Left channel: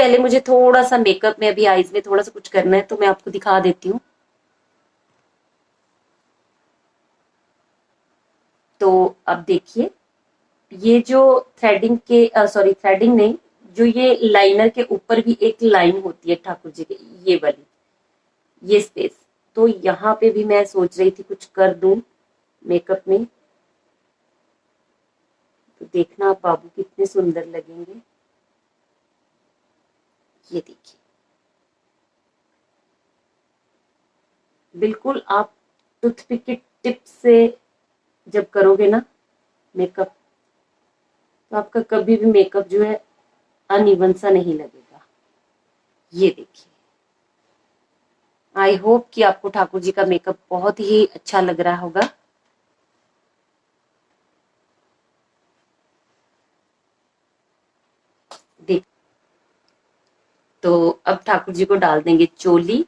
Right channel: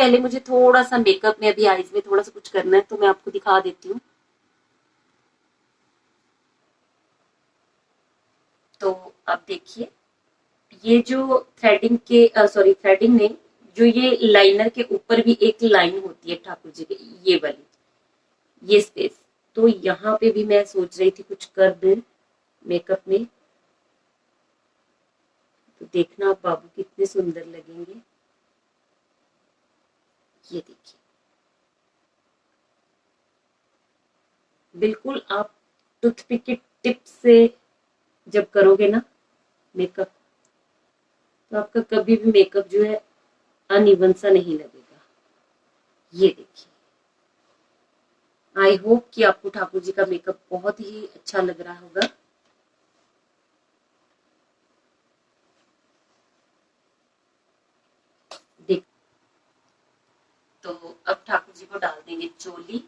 पहले मुझे थोड़ा सा मेकअप में अभी आईज में थोड़ा सा कुछ करना है, तो मैं आपको दिखा देती हूँ। तो अब देखिए, ये जो थ्रेडिंग के सॉरी थ्रेडिंग नहीं, जो ये लाइनर के ऊपर भी एक लाइन होती है ठाकुर जी के, ये वाली, ये स्पेस, तो यहाँ पे भी मैं सोच रही थी कुछ कर दूं मेकअप में। तो देखना आप बाबू कितने सुंदर लगेंगे। ये देखिए, बिल्कुल आप टूथपिक की टिप से जब करोगे ना मेकअप, तो आपका कभी भी मेकअप जो है अनइवन सा नहीं लगेगा। ये देखिए, आई होप कि आपको ठाकुर जी का मेकअप बहुत ही अच्छा लग रहा होगा। देख, तो अब ठाकुर जी को डाल देंगे चोली।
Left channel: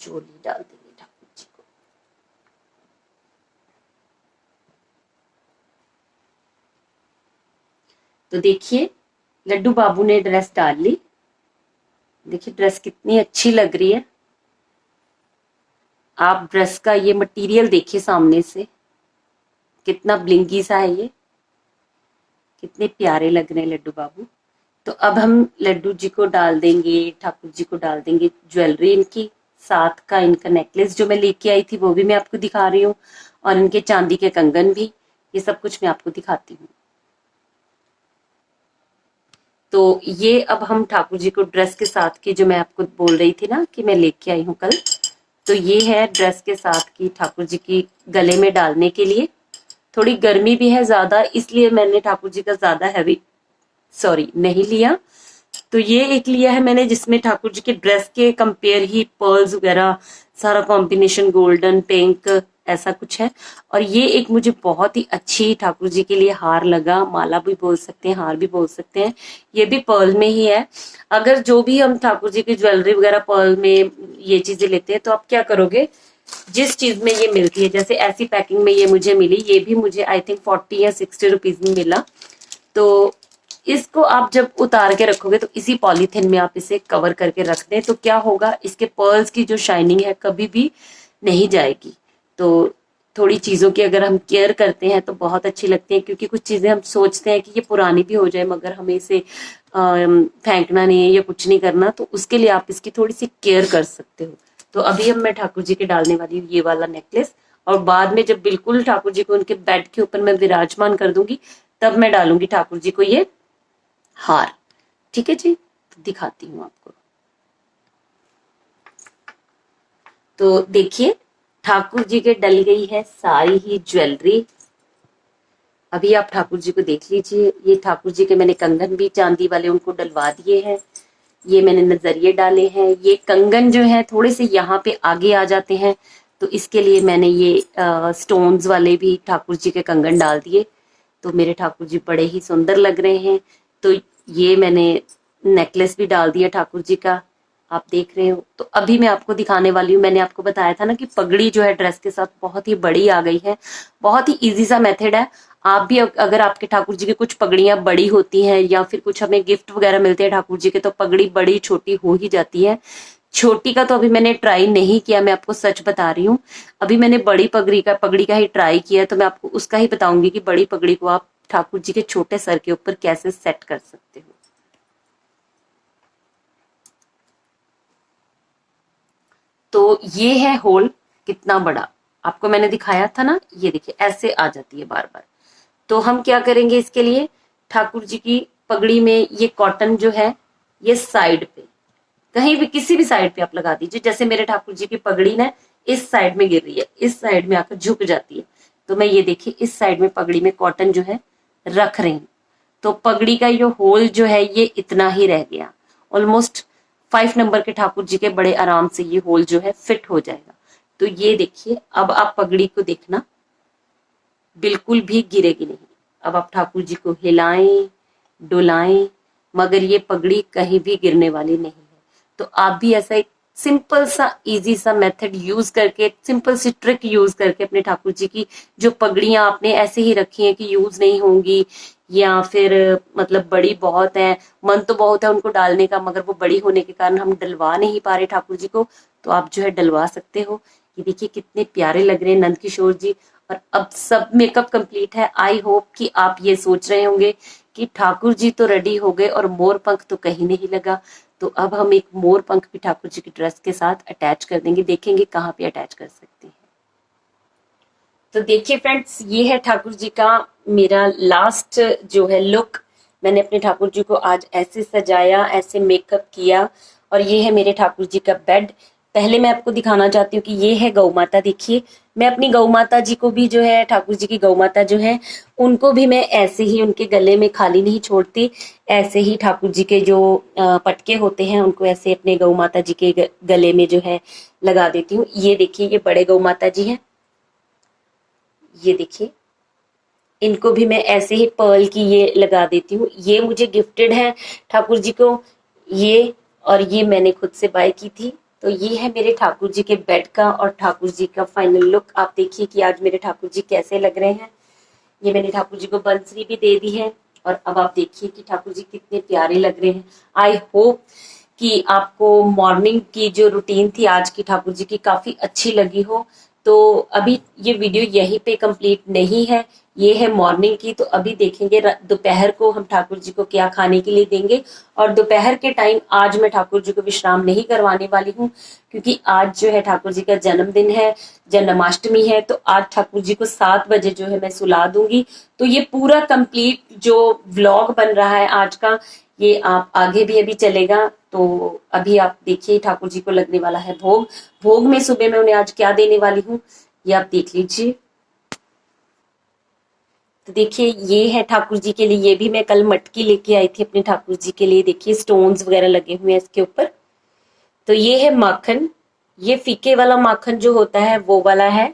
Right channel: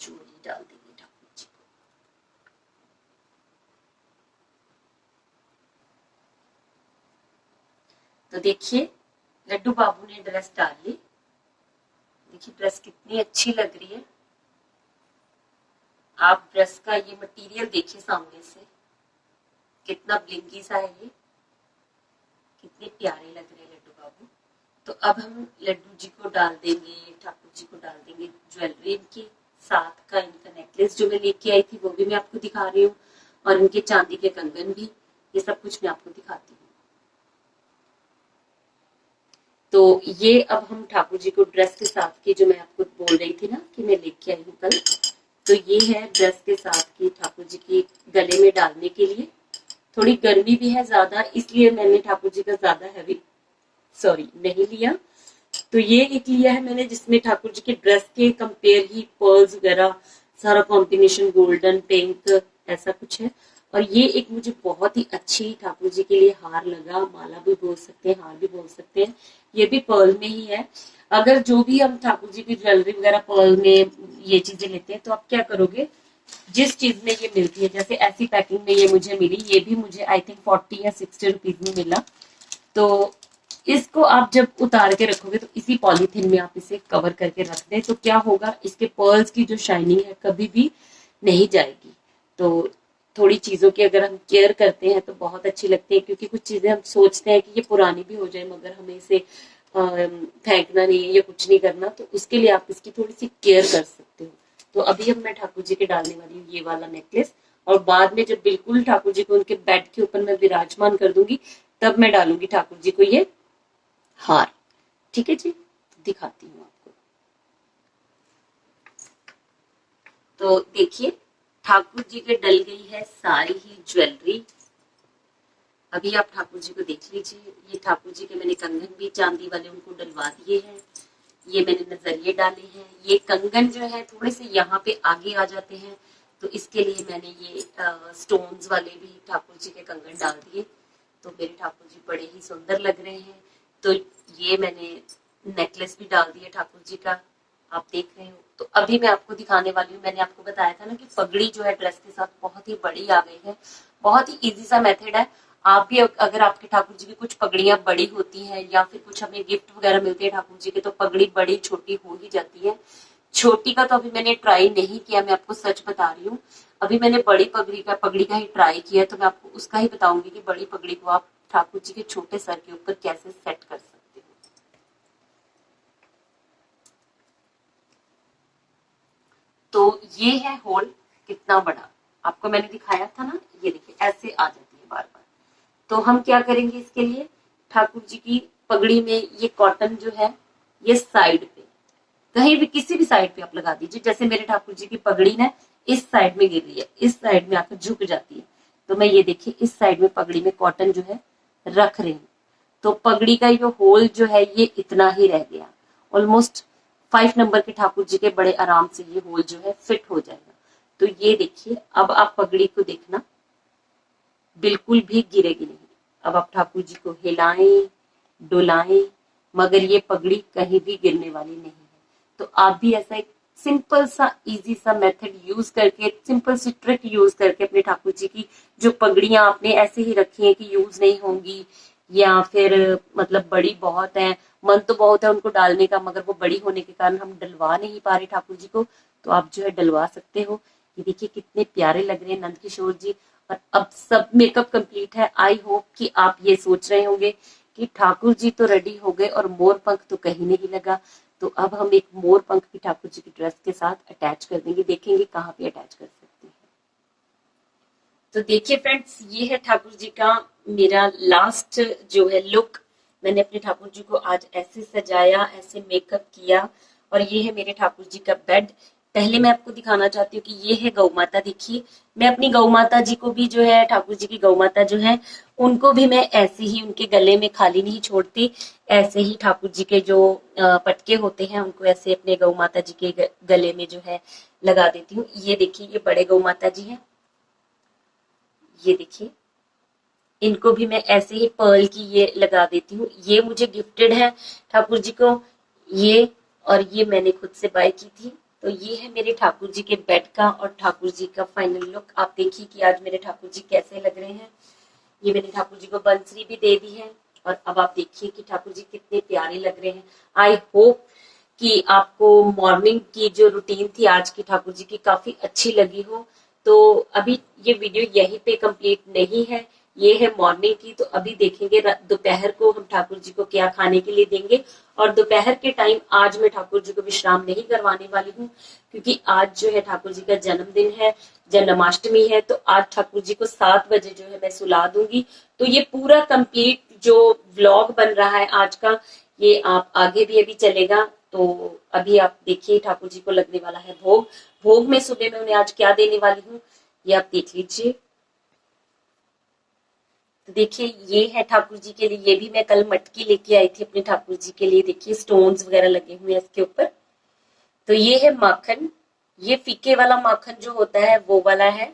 चोली डाल देंगे ठाकुर जी को। तो देखिए, लड्डू बाबू ने ड्रेस डाल ली। देखिए ड्रेस कितनी अच्छी लग रही है। आप ड्रेस का ये मटेरियल देखिए सामने से, कितना ब्लिंगी सा है ये, कितने प्यारे लग रहे हैं लड्डू बाबू। तो अब हम लड्डू जी को डाल देंगे, ठाकुर जी को डाल देंगे ज्वेलरी इनकी। साथ का इनका नेकलेस जो मैं लेके आई थी वो भी मैं आपको दिखा रही हूँ, और इनके चांदी के कंगन भी, ये सब कुछ मैं आपको दिखाती हूँ। तो ये अब हम ठाकुर जी को ड्रेस के साथ की, जो मैं आपको बोल रही थी ना कि मैं लेके आई हूँ कल, तो ये है ड्रेस के साथ की ठाकुर जी की गले में डालने के लिए। थोड़ी गर्मी भी है ज्यादा, इसलिए मैंने ठाकुर जी का ज्यादा हैवी सॉरी नहीं लिया। तो ये एक लिया है मैंने जिसमें ठाकुर जी के ड्रेस के कंपेयर ही पर्ल्स वगैरह सारा कॉम्बिनेशन गोल्डन पिंक ऐसा कुछ है। और ये एक मुझे बहुत ही अच्छी ठाकुर जी के लिए हार लगा, माला भी बोल सकते हैं, हार भी बोल सकते हैं। ये भी पर्ल में ही है। अगर जो भी हम ठाकुर जी की ज्वेलरी वगैरह पर्ल में ये चीजें लेते हैं, तो आप क्या करोगे, जिस चीज में ये मिलती है, जैसे ऐसी पैकिंग में ये मुझे मिली, ये भी मुझे आई थिंक 40 या 60 रुपीज में मिला। तो इसको आप जब उतार के रखोगे तो इसी पॉलीथिन में आप इसे कवर करके रख दें, तो क्या होगा, इसके पर्ल्स की जो शाइनिंग है कभी भी नहीं जाएगी। तो थोड़ी चीजों की अगर हम केयर करते हैं तो बहुत अच्छी लगती है, क्योंकि कुछ चीजें हम सोचते हैं कि ये पुरानी भी हो जाए मगर हमें इसे फेंकना नहीं है या कुछ नहीं करना, तो उसके लिए आप इसकी थोड़ी सी केयर कर सकते हो। तो अभी अब मैं ठाकुर जी के डालने वाली हूँ ये वाला नेकलेस, और बाद में जब बिल्कुल ठाकुर जी को उनके बेड के ऊपर मैं विराजमान कर दूंगी, तब मैं डालूंगी ठाकुर जी को ये हार। ठीक है जी, तो दिखाती हूँ आपको। तो देखिए, ठाकुर जी के डल गई है सारी ही ज्वेलरी। अभी आप ठाकुर जी को देख लीजिए, ये ठाकुर जी के मैंने कंगन भी चांदी वाले उनको डलवा दिए हैं। ये मैंने नजरिए डाले हैं। ये कंगन जो है थोड़े से यहाँ पे आगे आ जाते हैं, तो इसके लिए मैंने ये स्टोन्स वाले भी ठाकुर जी के कंगन डाल दिए। तो मेरे ठाकुर जी बड़े ही सुंदर लग रहे हैं। तो ये मैंने नेकलेस भी डाल दिया ठाकुर जी का, आप देख रहे हो। तो अभी मैं आपको दिखाने वाली हूँ, मैंने आपको बताया था ना कि पगड़ी जो है ड्रेस के साथ बहुत ही बड़ी आ गई है। बहुत ही इजी सा मेथड है। आप भी अगर आपके ठाकुर जी की कुछ पगड़ियां बड़ी होती हैं या फिर कुछ हमें गिफ्ट वगैरह मिलते हैं ठाकुर जी के, तो पगड़ी बड़ी छोटी हो ही जाती है। छोटी का तो अभी मैंने ट्राई नहीं किया, मैं आपको सच बता रही हूँ। अभी मैंने बड़ी पगड़ी का ही ट्राई किया, तो मैं आपको उसका ही बताऊंगी कि बड़ी पगड़ी को आप ठाकुर जी के छोटे सर के ऊपर कैसे सेट कर सकते हो। तो ये है होल, कितना बड़ा आपको मैंने दिखाया था ना, ये देखिए ऐसे आ जाती है बार बार। तो हम क्या करेंगे इसके लिए, ठाकुर जी की पगड़ी में ये कॉटन जो है, ये साइड पे कहीं भी किसी भी साइड पे आप लगा दीजिए। जैसे मेरे ठाकुर जी की पगड़ी ना इस साइड में गिर रही है, इस साइड में आकर झुक जाती है, तो मैं ये देखिए इस साइड में पगड़ी में कॉटन जो है रख रही हूँ। तो पगड़ी का जो होल जो है ये इतना ही रह गया। ऑलमोस्ट 5 नंबर के ठाकुर जी के बड़े आराम से ये होल जो है फिट हो जाएगा। तो ये देखिए, अब आप पगड़ी को देखना, बिल्कुल भी गिरेगी नहीं। अब आप ठाकुर जी को हिलाएं डुलाएं, मगर ये पगड़ी कहीं भी गिरने वाली नहीं है। तो आप भी ऐसा एक सिंपल सा इजी सा मेथड यूज करके, सिंपल सी ट्रिक यूज करके अपने ठाकुर जी की जो पगड़ियां आपने ऐसे ही रखी हैं कि यूज नहीं होंगी, या फिर मतलब बड़ी बहुत है, मन तो बहुत है उनको डालने का, मगर वो बड़ी होने के कारण हम डलवा नहीं पा रहे ठाकुर जी को, तो आप जो है डलवा सकते हो। ये देखिए कितने प्यारे लग रहे हैं नंद किशोर जी। और अब सब मेकअप कंप्लीट है। आई होप कि आप ये सोच रहे होंगे कि ठाकुर जी तो रेडी हो गए और मोर पंख तो कहीं नहीं लगा। तो अब हम एक मोर पंख भी ठाकुर जी की ड्रेस के साथ अटैच कर देंगे, देखेंगे कहाँ पे अटैच कर सकते हैं। तो देखिए फ्रेंड्स, ये है ठाकुर जी का मेरा लास्ट जो है लुक। मैंने अपने ठाकुर जी को आज ऐसे सजाया, ऐसे मेकअप किया। और ये है मेरे ठाकुर जी का बेड। पहले मैं आपको दिखाना चाहती हूँ कि ये है गौ माता। देखिए, मैं अपनी गौ माता जी को भी जो है, ठाकुर जी की गौ माता जो है, उनको भी मैं ऐसे ही उनके गले में खाली नहीं छोड़ती। ऐसे ही ठाकुर जी के जो पटके होते हैं उनको ऐसे अपने गौ माता जी के गले में जो है लगा देती हूँ। ये देखिए, ये बड़े गौ माता जी हैं। ये देखिए, इनको भी मैं ऐसे ही पर्ल की ये लगा देती हूँ। ये मुझे गिफ्टेड है ठाकुर जी को ये, और ये मैंने खुद से बाय की थी। तो ये है मेरे ठाकुर जी के बेड का और ठाकुर जी का फाइनल लुक। आप देखिए कि आज मेरे ठाकुर जी कैसे लग रहे हैं। ये मैंने ठाकुर जी को बंसरी भी दे दी है। और अब आप देखिए कि ठाकुर जी कितने प्यारे लग रहे हैं। आई होप कि आपको मॉर्निंग की जो रूटीन थी आज की ठाकुर जी की काफी अच्छी लगी हो। तो अभी ये वीडियो यहीं पे कंप्लीट नहीं है, ये है मॉर्निंग की। तो अभी देखेंगे दोपहर को हम ठाकुर जी को क्या खाने के लिए देंगे। और दोपहर के टाइम आज मैं ठाकुर जी को विश्राम नहीं करवाने वाली हूँ, क्योंकि आज जो है ठाकुर जी का जन्मदिन है, जन्माष्टमी है। तो आज ठाकुर जी को 7 बजे जो है मैं सुला दूंगी। तो ये पूरा कंप्लीट जो व्लॉग बन रहा है आज का, ये आप आगे भी अभी चलेगा। तो अभी आप देखिए, ठाकुर जी को लगने वाला है भोग। भोग में सुबह में उन्हें आज क्या देने वाली हूँ, ये आप देख लीजिए। तो देखिए, ये है ठाकुर जी के लिए। ये भी मैं कल मटकी लेके आई थी अपने ठाकुर जी के लिए। देखिए, स्टोन्स वगैरह लगे हुए हैं इसके ऊपर। तो ये है माखन। ये फीके वाला माखन जो होता है वो वाला है।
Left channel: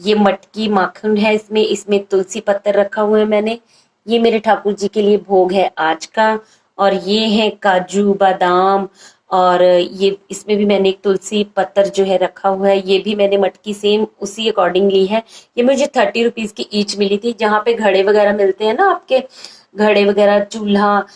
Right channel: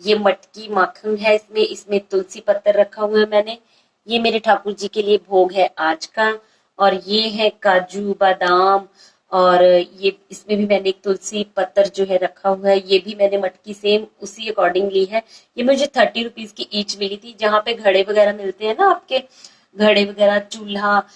ये मटकी माखन है। इसमें इसमें तुलसी पत्तर रखा हुआ है मैंने। ये मेरे ठाकुर जी के लिए भोग है आज का। और ये है काजू बादाम, और ये इसमें भी मैंने एक तुलसी पत्तर जो है रखा हुआ है। ये भी मैंने मटकी सेम उसी अकॉर्डिंग ली है। ये मुझे 30 रुपीज की ईच मिली थी। जहाँ पे घड़े वगैरह मिलते हैं ना, आपके घड़े वगैरह, चूल्हा,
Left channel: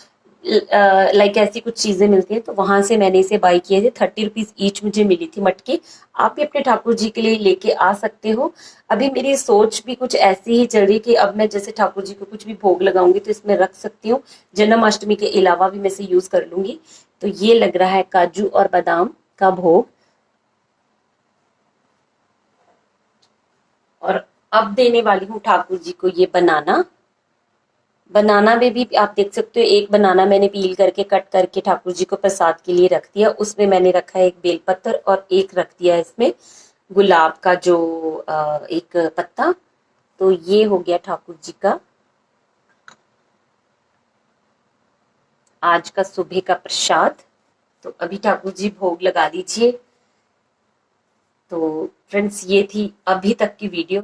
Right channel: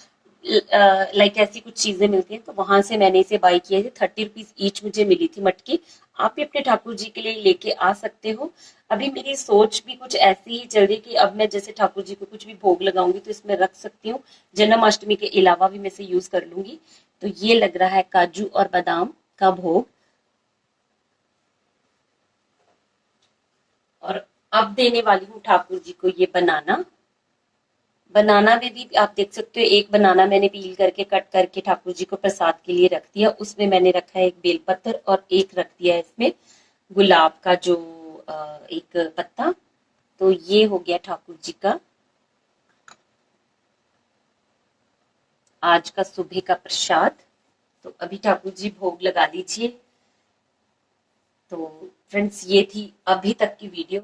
लाइक ऐसी कुछ चीजें मिलती है, तो वहां से मैंने इसे बाई किए थे। 30 रुपीज ईच मुझे मिली थी मटकी। आप भी अपने ठाकुर जी के लिए लेके आ सकते हो। अभी मेरी सोच भी कुछ ऐसी ही चल रही कि अब मैं जैसे ठाकुर जी को कुछ भी भोग लगाऊंगी तो इसमें रख सकती हूँ। जन्माष्टमी के अलावा भी मैं इसे यूज कर लूंगी। तो ये लग रहा है काजू और बादाम का भोग। और अब देने वाली हूँ ठाकुर जी को ये बनाना। बनाना में भी आप देख सकते हो, एक बनाना मैंने पील करके कट करके ठाकुर जी को प्रसाद के लिए रख दिया। उसमें मैंने रखा है एक बेलपत्र, और एक रख दिया इसमें गुलाब का जो एक पत्ता। तो ये हो गया ठाकुर जी का आज का सुबह का प्रसाद। तो अभी ठाकुर जी भोग लगा दीजिए। तो फ्रेंड्स, ये थी अभी तक की वीडियो।